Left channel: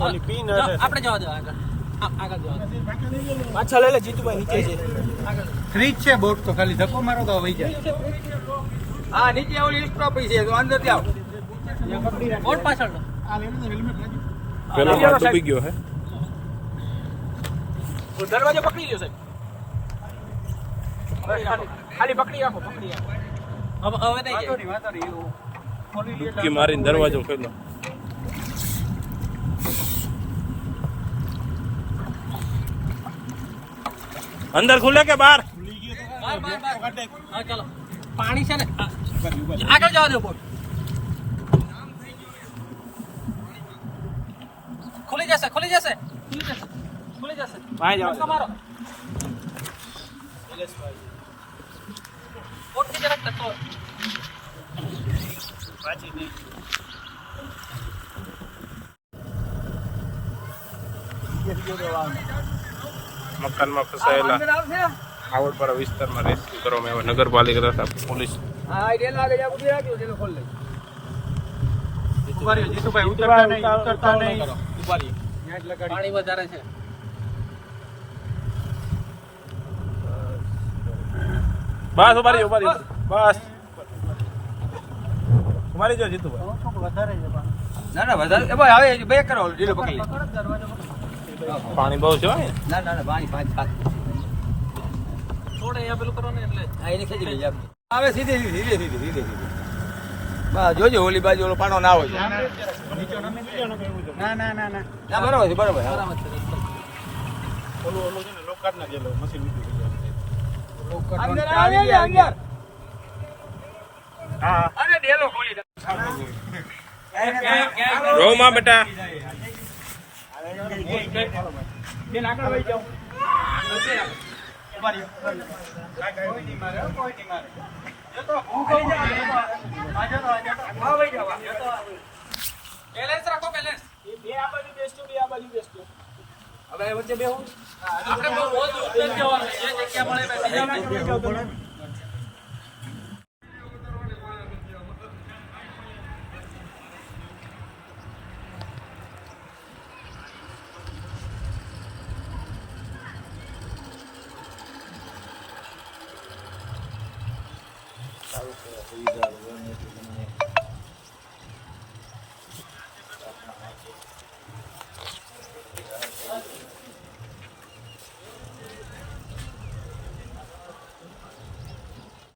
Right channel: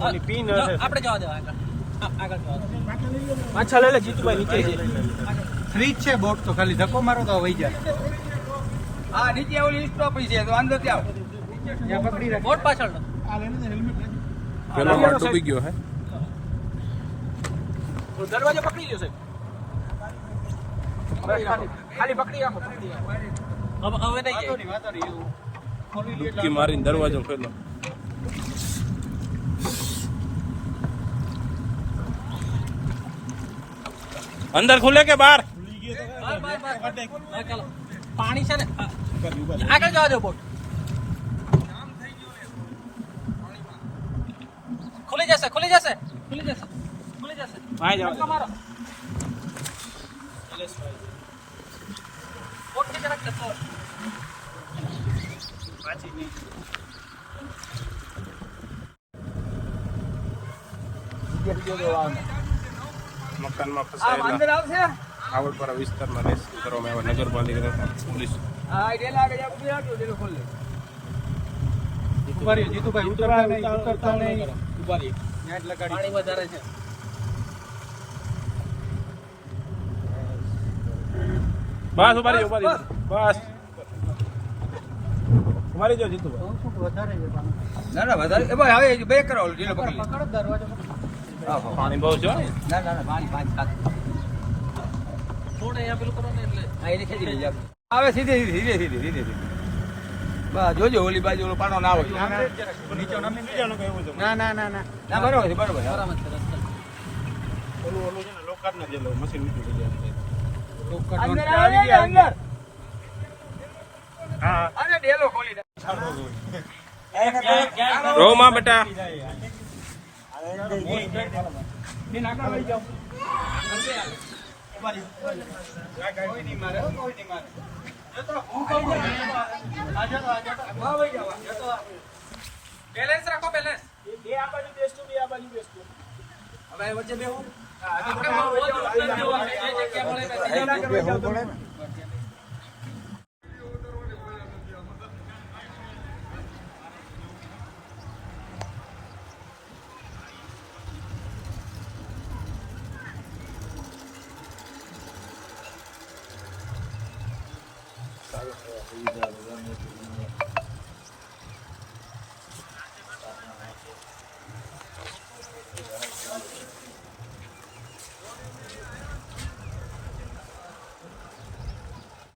ઓલી પીન હશે. આપણે જવા દો આગળ. આ- આગળ જવા દો. પાછા લઈ લે જીતુભાઈ નીચે છે. ફ્રીજ છે બોટ તો ખાલી ધક્કો મારો તો વહી જાય. હા નીચે ઓલી સ્ટોપ છે તો અંદરથી આવો. ત્યાં પકડી રાખે બોટ પાછળ લો. આ લઈને હેલ્મેટ પેલો માળ ડૂબી ગયો હે. દરવાજો પકડી ગયો સાહેબ ખાલી પકડી રાખો પકડી રાખો. હવે હવે નહીં જાય ડૂબકી મારીને દરવાજો ખોલ્યો અંદર ખુલે કે બહાર બાર, બાર, બાર. હા, ચાલો પાણી છે ને આ- આગળ જવા દો બોટ ખુલી જશે ખુલી જશે ખુલી જશે ખુલી જશે ભાઈ જવા દે. તમારો બોટની જરાક ધક્કો. મકાનમાં ફસાયેલા આવડપરા વિસ્તારમાં રેસ્ક્યુ કરવામાં આવ્યા. નગરપાલિકા તથા પોલીસ. જીતુભાઈ ઉતરતા નહીં ઉતરતા નહીં. પાણી વધારે છે. બસ ઊભા રહીએ, બસ. ઊભા જો વધારે ના ના વધારે. એ ભાઈ આવે બે કરો ઢીલો પકડી દરવાજો પાણી બહુ છે ના ના ના પાણી પાંચ સાત થોડે અહીંયા પેલું કરો ને એટલે. હા એને ખેંચી લેજે. આવે સીધે સીધે સીધે સીધે સીધે સીધે. જોજો ઓલી બાજુ ઓલો પાણો ના હોય ના ના. ના ના ના બરોબર છે બરોબર બરાબર ઓલું ઓલું છે ને લોકાર્ડના જે મશીન ઉઠી ગયું અંદર આવી ગયા અંદર. હા. અરે ડેલો ખોલી દે. રોમાં બેટા. બેન આગળ વહી જાઓ બેલેન્સ રાખો બેલેન્સ બે આ બાજુ બેસતું બે આ બાજુ બેસતું હવે વચ્ચે બેહો આપણે બહુ જગ્યા મળે બેસી ઉત્તર જવાનું. જે જગ્યા મળે બેસી જાઓ.